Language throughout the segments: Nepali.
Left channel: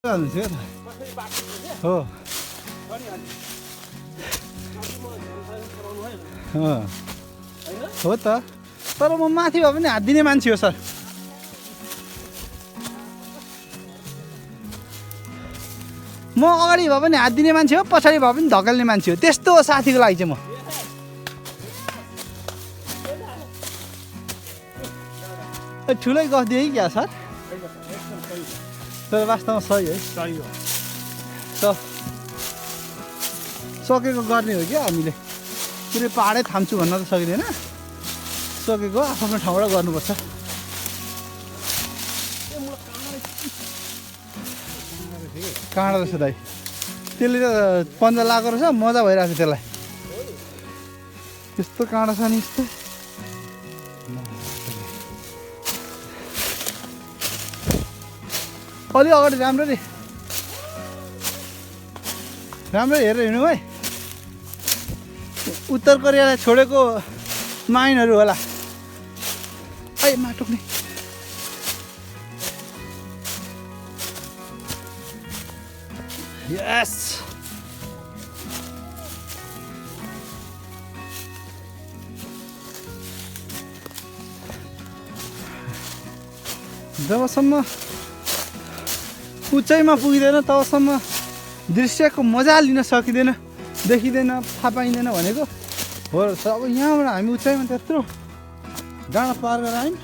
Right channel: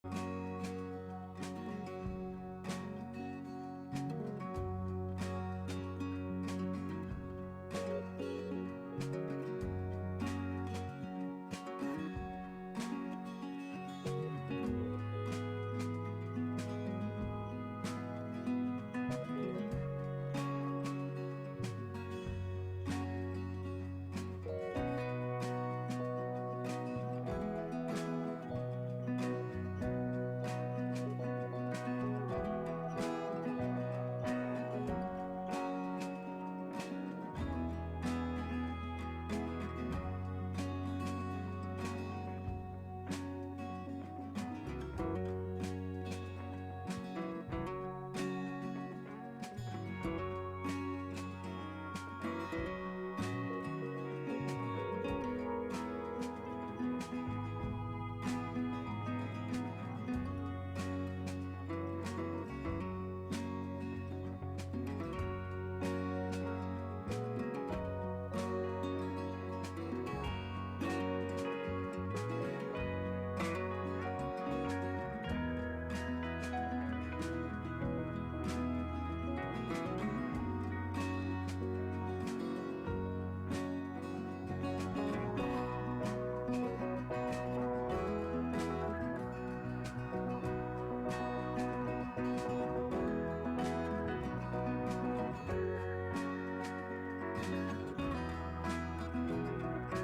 हो हो त तर म माथि भए पनि हात दिने मान्छे हो सर म अगाडि भए पनि हात दिने मान्छे हो पछाडि भए पनि धकेल्ने मान्छे हो त्यस्तो साथीको लागि चाहिँ म ठुलै गफ दिएँ कि क्या सर तर वास्तवमा सही है सही हो सकेको गर्ने हो क्या हामीले पुरै पाहाडै थाम्छु भन्न त सकिँदैन सकेको आफ्नो ठाउँबाट गर्नुपर्छ काँडा रहेछ दाइ त्यसले त पन्जा लगाएको रहेछ मजा भइरहेको छ त्यसलाई त्यस्तो काँडा छ नि यस्तो अलि अगाडि राम्ररी हेरेर हिँड्नु है उत्तर कोरियालाई छोडेको माइनहरू होला ऐ माटोक्ने यस जबसम्म उचाइमा पुगिँदैन तबसम्म दृश्यको मजा लिन सकिँदैन देखिँदैन थाहा पाइँदैन भनेको हो त अब यहाँबाट हामी उचाइमा त्यत्रो डाँडा पार गरेर आयौँ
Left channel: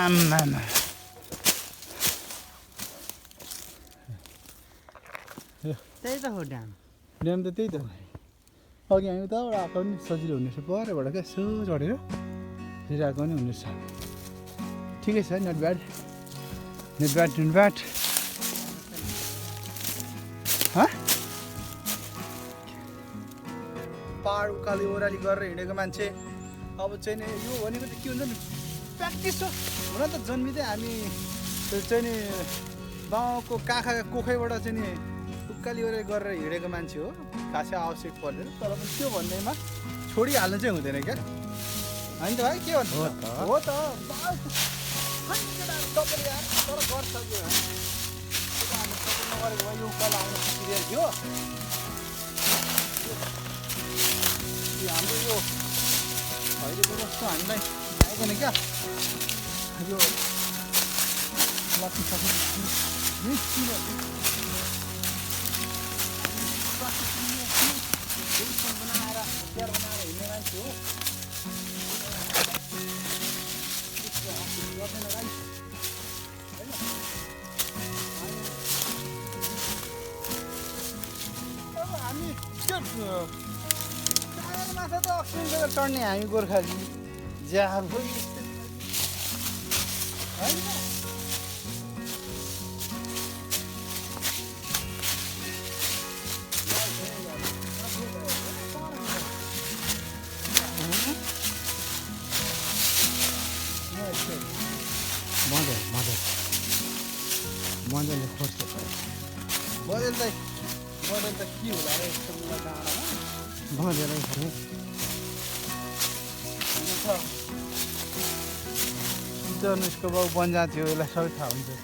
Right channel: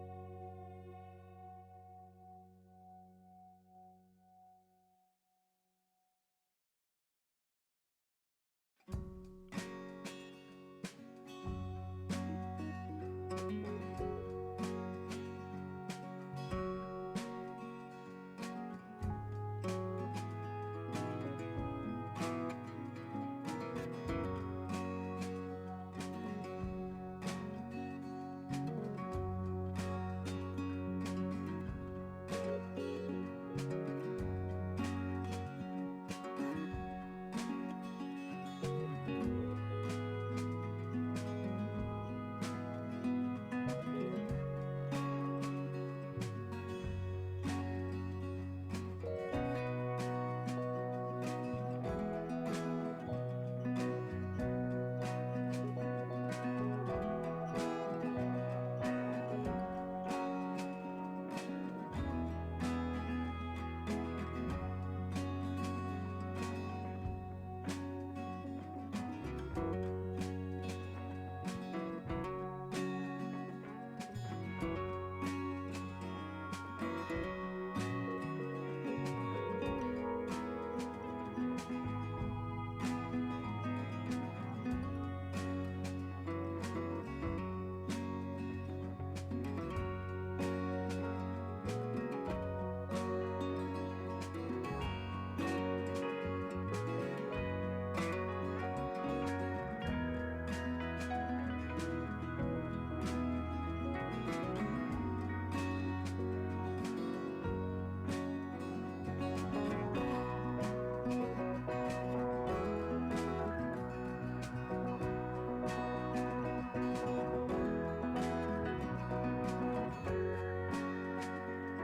आम्मामा त्यही त हो ड्याम ड्याम त त्यही त अघि हामी उताबाट आएको पनि सजिलो हुनेछ परबाट क्या यसो चढेर फेरि आएको पनि हुनेछ ठिकै छ नट ब्याड पाहाड उकाली ओह्राली गरेर हिँडेको मान्छे अब चाहिँ नि यो भनेको त के हुन्छ नि प्र्याक्टिस हो हुन त जन्मिँदै हामी चाहिँ नि गाउँको काखा कोखैबाट चाहिँ नि उकाली ओह्राली गरेर हिँडेको मान्छे हो खासै आवश्यक पर्दैन तर पनि त्यो भन्नेमा छोडिहाल्नु चाहिँ हुँदैन क्या होइन त भाइ के भन्नु हो त हामीलाई आउँदैन क्या यो चढ्ने हामी गोर्खाली ज्यान उसको बाउ बन्जा थियो उसलाई सबै थाहा हुन्छ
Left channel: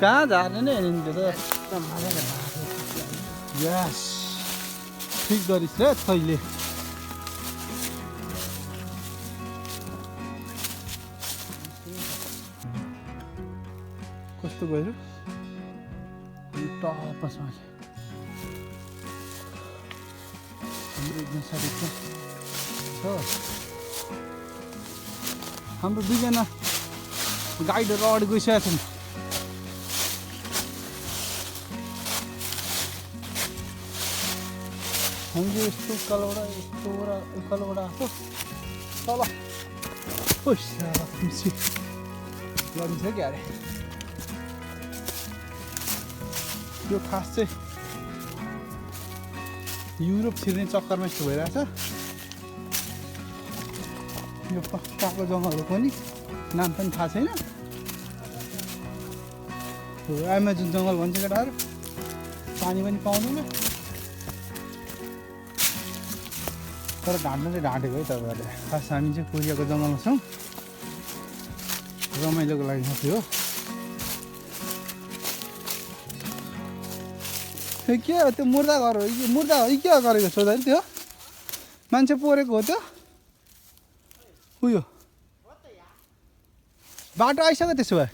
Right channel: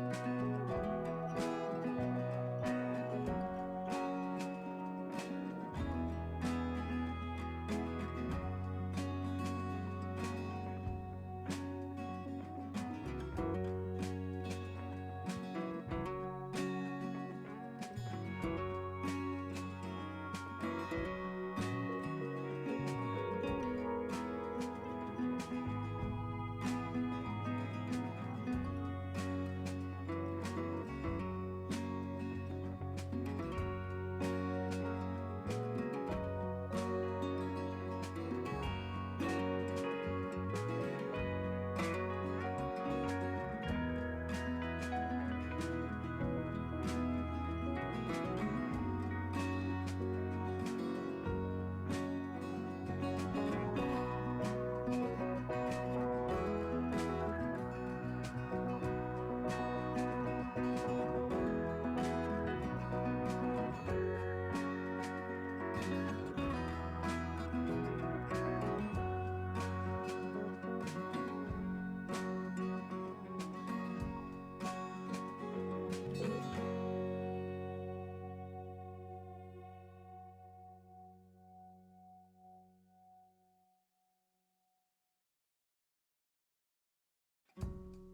कहाँ झार्ने नै हेर्नु नि त यस ठिक गरिस् रे तैँले कस्तो गयो टपसमा हाम्रो दुईजना गाइडहरू अगाडि गइसकेका छन् हामीले यस्तो उकालोबाट उकालोबाट आएको तल पैसा खुसी गरिन्छ क्या अरे यो खास चाहिँ युरोप छिर्ने चक्करमा यस्तो भइरहेछ यो काक्लो जङ्गलहरू पनि नाम पनि थाहा छैन एमाजोन जङ्गल भन्छ केटाहरू पानी पनि पाउँदैन तर ढाँट्नु चाहिँ ढाँटेको है तपाईँहरूले खास हामी चाहिँ कोरियाको जङ्गलमा छौँ रमाइलोको लागि मात्रै हो के हो त्यो मुर्दा घर हो मुर्दा हो के गरेको सोधा नि त्यो मान्छे पोरेको हो त्यो उयो बाटो आइसक्यो त्यसो भए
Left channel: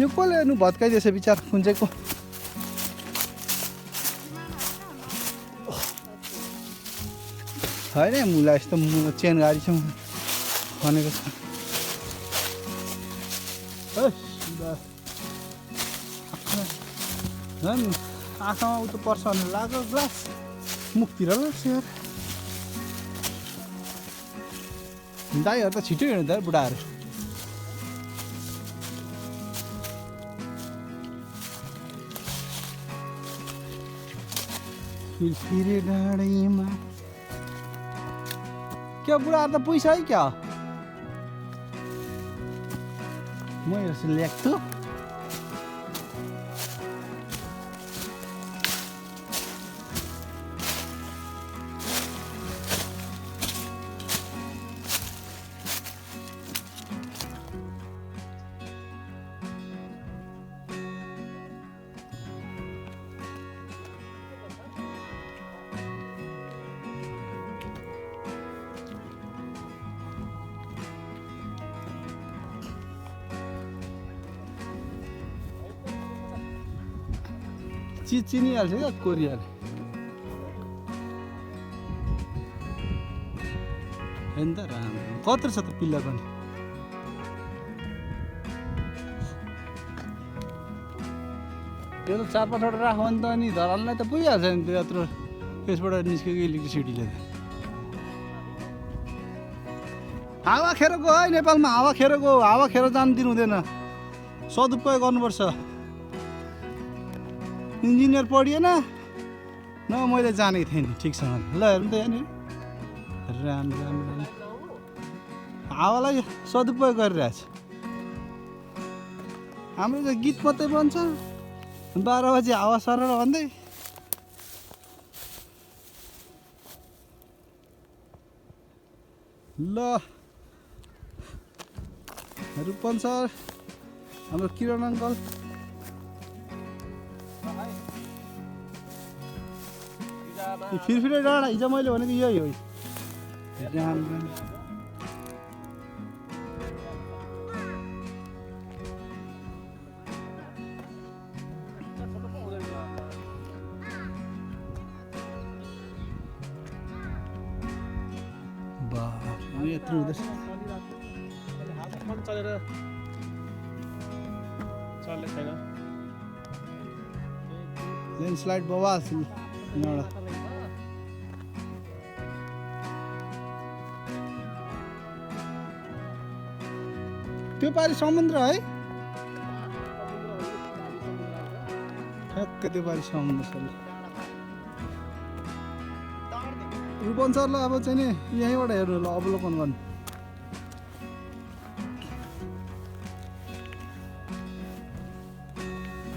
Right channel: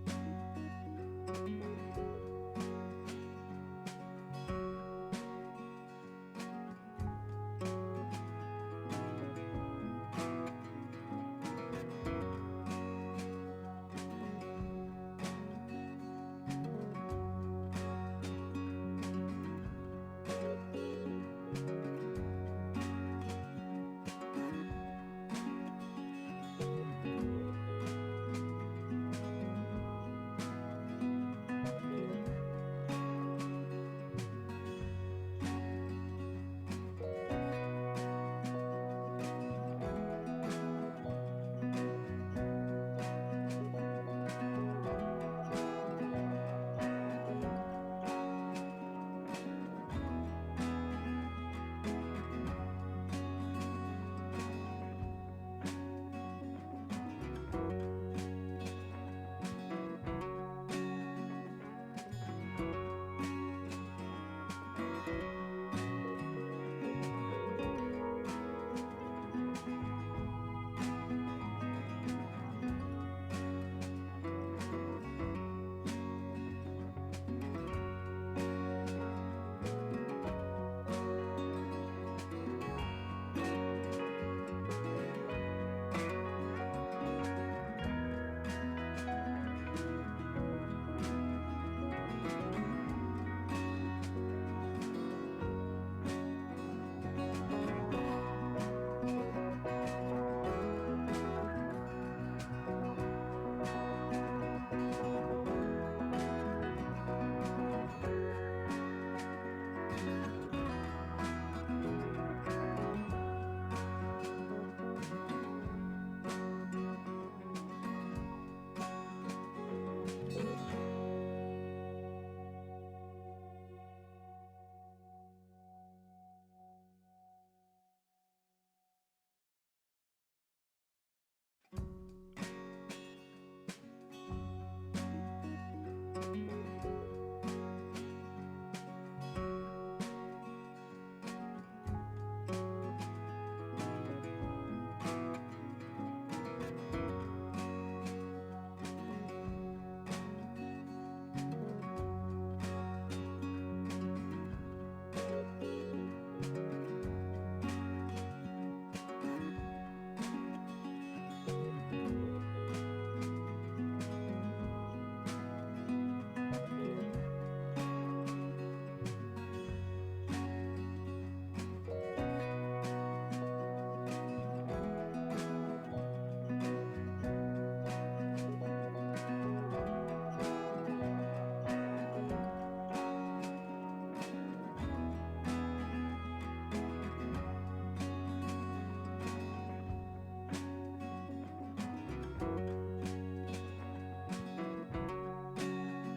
यो कसले हेर्नु भत्काइदिएछ बिचार खुन्चेको होइन मुला यस्तो चेन गाडी छ भनेको छ झन् आँखामा उतो पर्छ भने लाग्यो ग्लास मुखतिर ल सेयर दाईहरू त छिटो हिँड्दा बुढाहरू फिरफिरे डाँडैमा क्या बुढाहरू त पैसा है क्या म यसो ल्याएको चिज चिनिहाल्छ क्या कोरियाले हेर्नु त कत्रो छ त पिल्ला पनि त्यो त 4-5 वटा राख्यो भने त अनि धरानलाई त पुगिहाल्छ नि त्यो यत्रो त्यसबाट निस्केको इलेक्ट्रिसिटीले हावा खेर गयो है नेपालमा हावा खेर गयो हावा खेर जानु दिनु हुँदैन सदुपयोग गर्नुपर्छ इन्जिनियर पढिएन न मैले जानेको थिएँ नि ठिकसँग ल हेर्नु त यहाँनिर राम राम राम हावालाई सदुपयोग गरिरहेछ हाम्रो त गीत मात्रै बन्छ 12 बजी हावा सरेर भन्दै ल रूपन सर हाम्रो किरण अङ्कल फिरफिरे डाँडा हिजो मैले भनेको यही हो यत्रो हुँदैछ ल्यान्डस्लाइड बवाल यहाँबाट त्यो पारि समुद्र है ठ्याक्कै त्यो पारि समुद्र छ रूपन सरलाई अब चाहिँ नि यहीँबाट हेर्नु ल अवलोकन गर्नु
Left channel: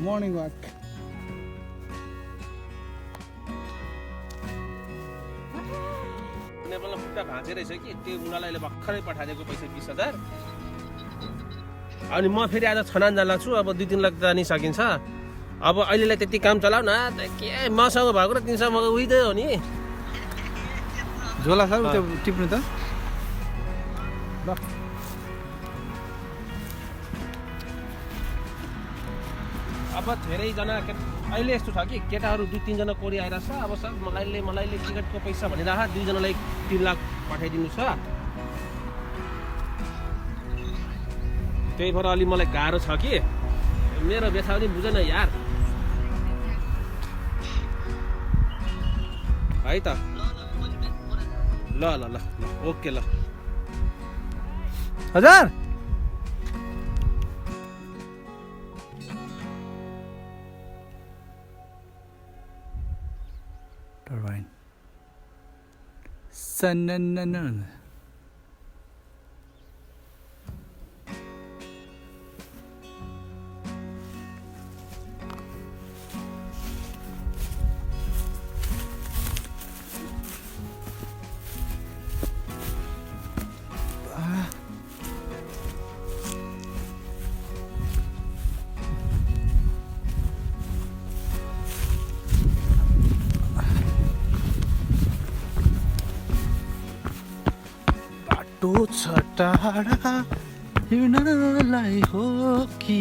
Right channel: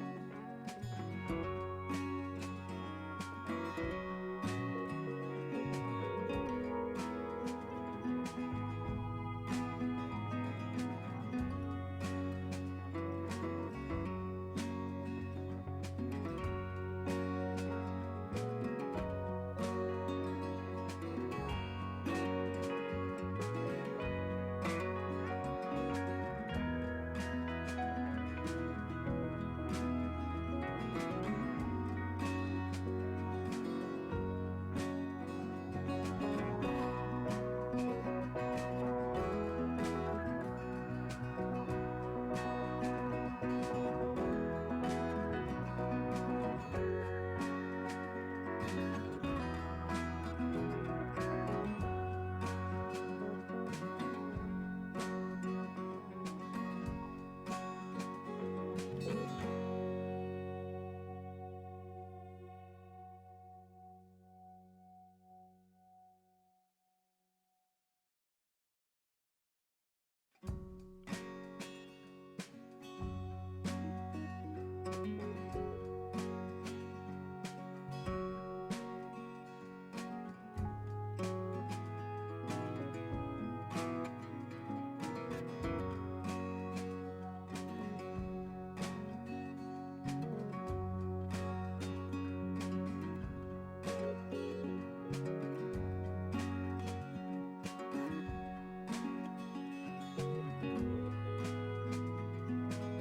मर्निङ वाक भाँचे रहेछ कि त्यो बुढालाई भर्खरै पठाइदिएको पैसा 20,000 अनि म फेरि आज छनान जान छु अब 2-3 लाख जानी सकिन्छ अब अहिलेलाई त्यति काम चलाउ न के मसँग भएको र तिमीसँग भएको उही त हो नि झोला सर त्यो टिप्नु त ल अब धेरैजना अहिले यस्तो छ कि केटाहरू 2-3 जना कोरी आइरहेछ अब सर मलाई टिकटको पैसा भनिराख 2 जनालाई 3 लाख पठाइदिनु छ त्यही भएर अलि मलाई गाह्रो छ कि मेरो व्यथा पनि बुझेन यार है त ल ओके ल हजार टर्बाइन सनननन छ टाढा हिँड्नलाई हो कि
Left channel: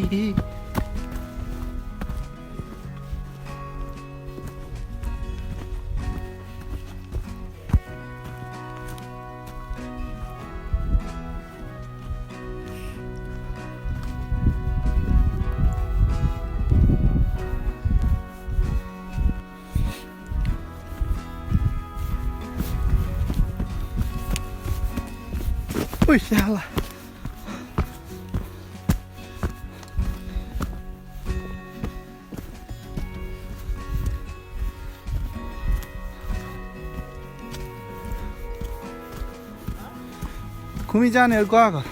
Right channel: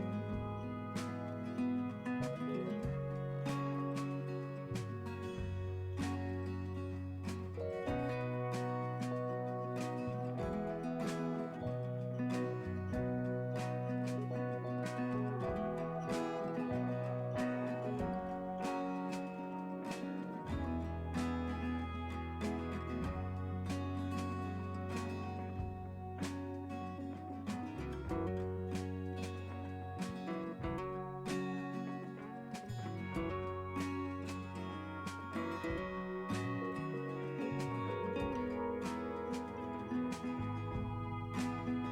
Ui, salah. घुमी जानेहरू गएको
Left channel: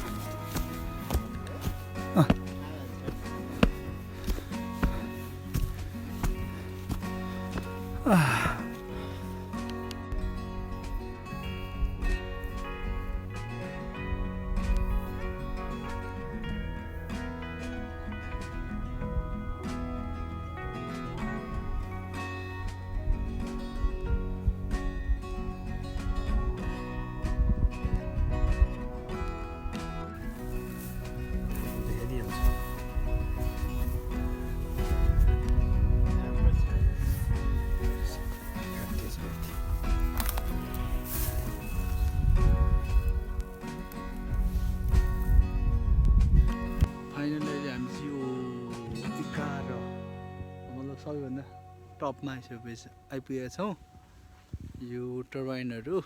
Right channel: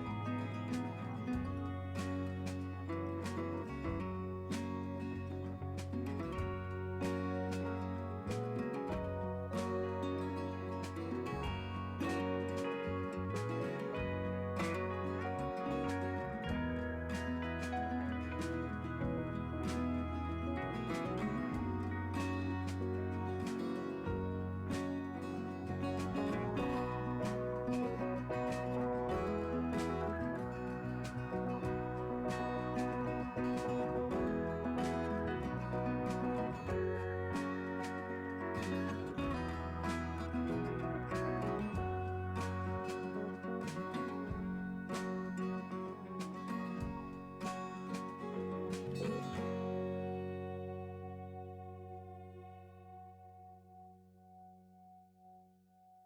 टपमा आइपुगेका छौँ यो टर्बाइनहरू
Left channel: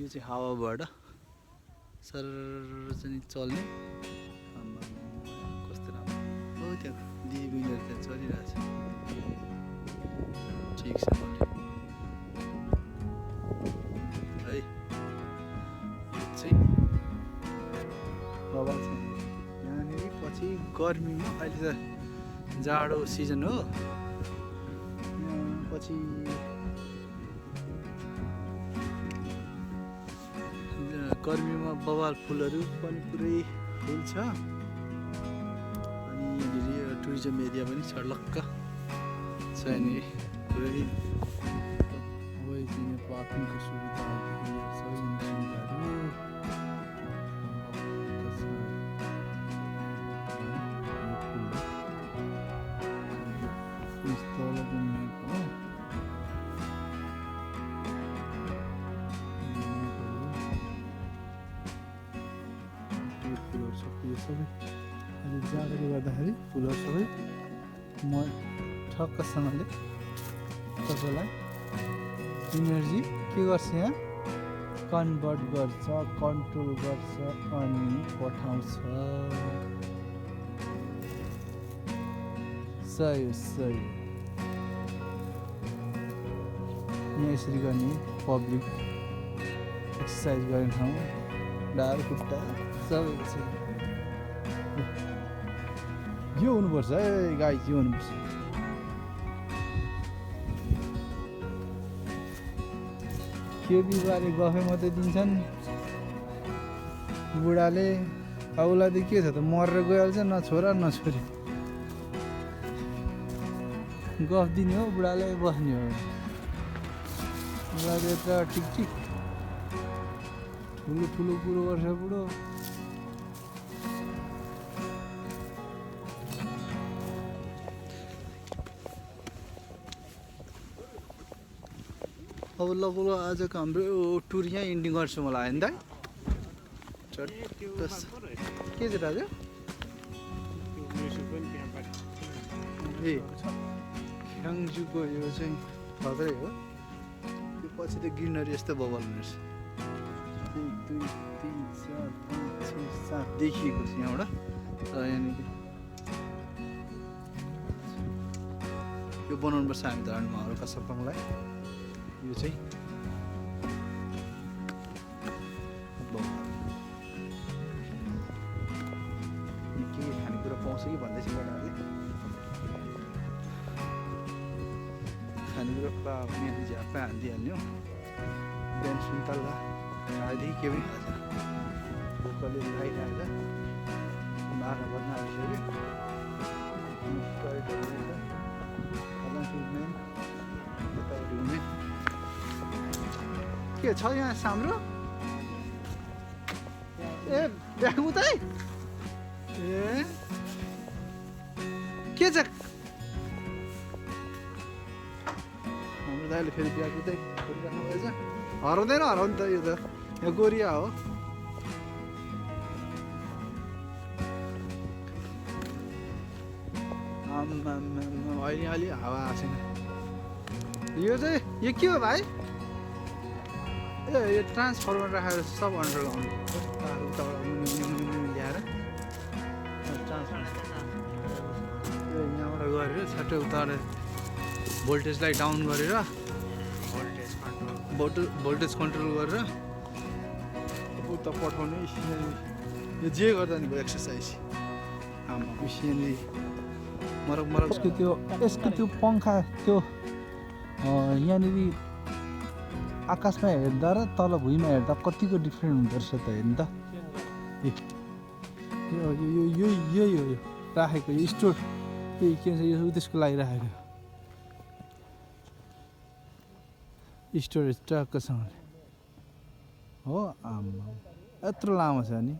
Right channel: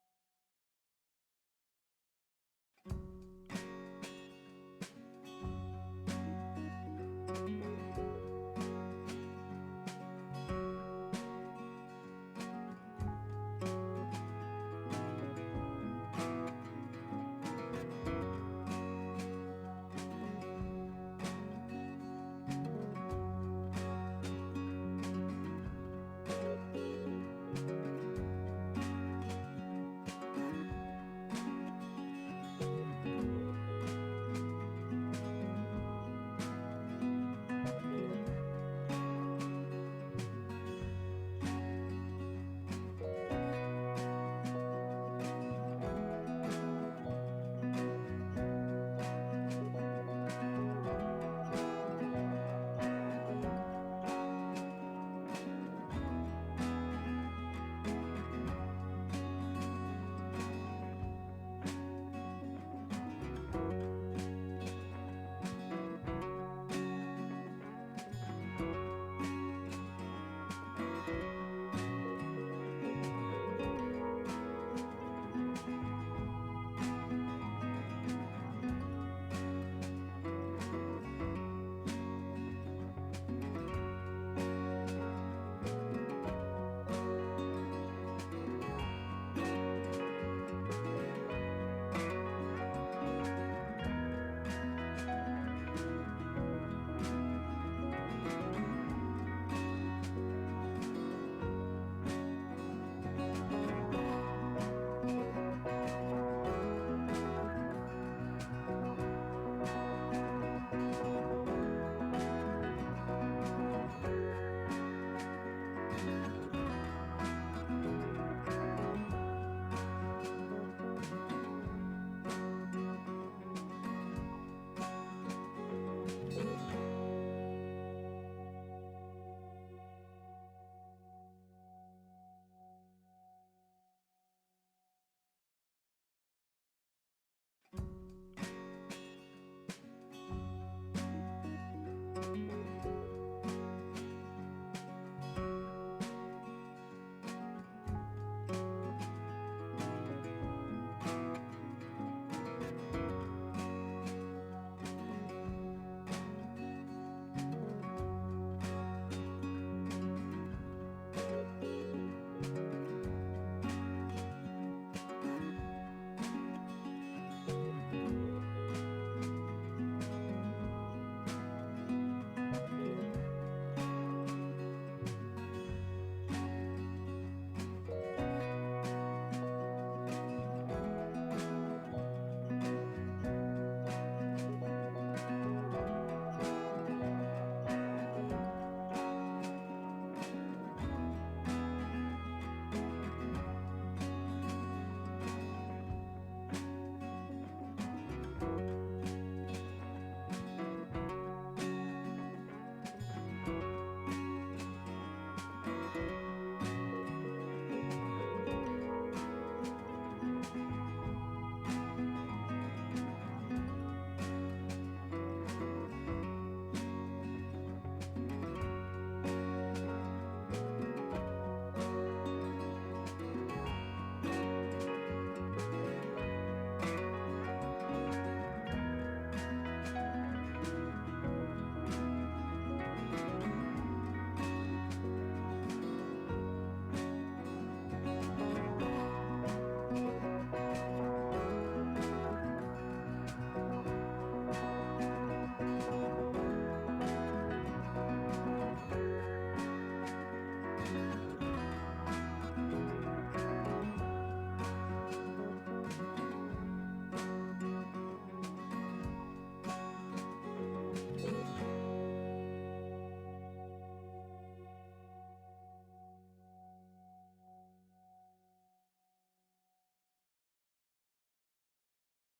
यो चाहिँ हावाबाट सर चाहिँ चल्ने कस्तो राम्रो हो त्यहाँ त्यहाँ चलिरहेछ ठिक छ है चाहिँ हावा छ यहाँनिर पछि गर्मीमा अहिले त जाडो सिजन हो गर्मीमा बवाल फुलहरू पनि पुरै हुन्छ अनि टुरिज्म एरिया पनि छर्लक्क छ यहाँनिर पुरै ठक्कसँगले तपाईँलाई इनर्जी के गर्छ यहाँ कन्भर्ट गर्छ कन्ट्रोल गर्छ अनि पठाउँछ सही सही यसरी गर्ने पब्लिक एक्सर्साइज गर्ने ठाउँ ढाड खुट्टा सबै यो हुनुपर्छ है गाई यो हुनुपर्छ केबुलबारे गफै मात्रै दिन्छन् बुढाले अब उसलाई त के छ त मरेर गइहाल्छ न छोरा न छोरी गफ दिने हो बुढालाई बस्ने हो बुढाले त ठिक ठिक ठुलो ठुलो कुरो गर्छ बुढो अब लगभग आजको हाम्रो टुर यहाँ इन्डिङ गर्छु मलाई होइन दाइ के छ दाजु ए ख्याङ्जुको यो चाहिँ खतरै हो त्यो पछि त ग्रिनरी यस्तो बबल रहेछ 1 2 3 4 5 6 7 देखिएको छ यहाँबाट र यहाँनिर यो बनाउनुपर्छ हामी त हल्का सफा मलाई यो चाहिँ के छ यहाँ हाम्रो ए ब्याग उतै ए के छ दाइले फेरि ब्याग उतै हराउँदैन हराउनु त यो त यहाँ गोरिया हो अहिले अलि हावा आएन यो चाहिँ यो के हो भाइ ए यो ट्रान्सफर्मर राखेर सब अन्डर ल्याएर यहाँबाट गरेर छट्टै उतारेर भोल्टेजलाई डाउन गरेर भोल्टेज कन्ट्रोल गरेर उता पठाउने यो जे गर्दा नि भयो एक्सर्साइज मिसिनले यसको त्यो पङ्खा त्यो यहाँनिर आकाशमा हेर्दा र तल भुइँमा हेर्दा कतिको डिफ्रेन्ट हुँदो रहेछ त हेर्नु त यही हो राखेको यो स्टोर के छ यो त्यसको लागि राखेको स्टोरेज टक्कसँगले हो आमा यत्रो लामो छ नि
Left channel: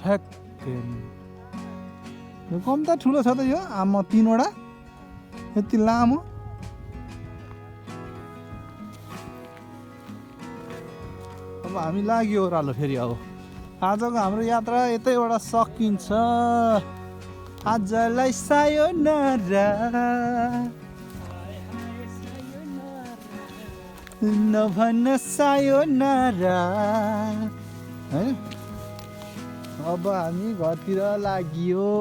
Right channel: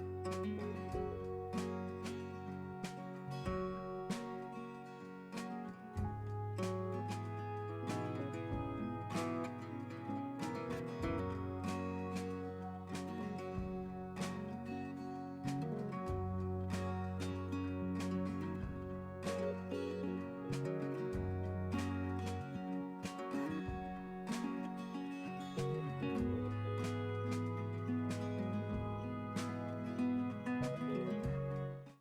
ठ्याक्कै यो कम त ठुलो छ त यो आमा 3वटा यति लामो अब हामी लाग्यो ओह्रालो फेरि अब आजको हाम्रो यात्रा यतैबाट सकिन्छ आजलाई सायोनारा नभन सायोनारा है अब हामी घरतिर लाग्यो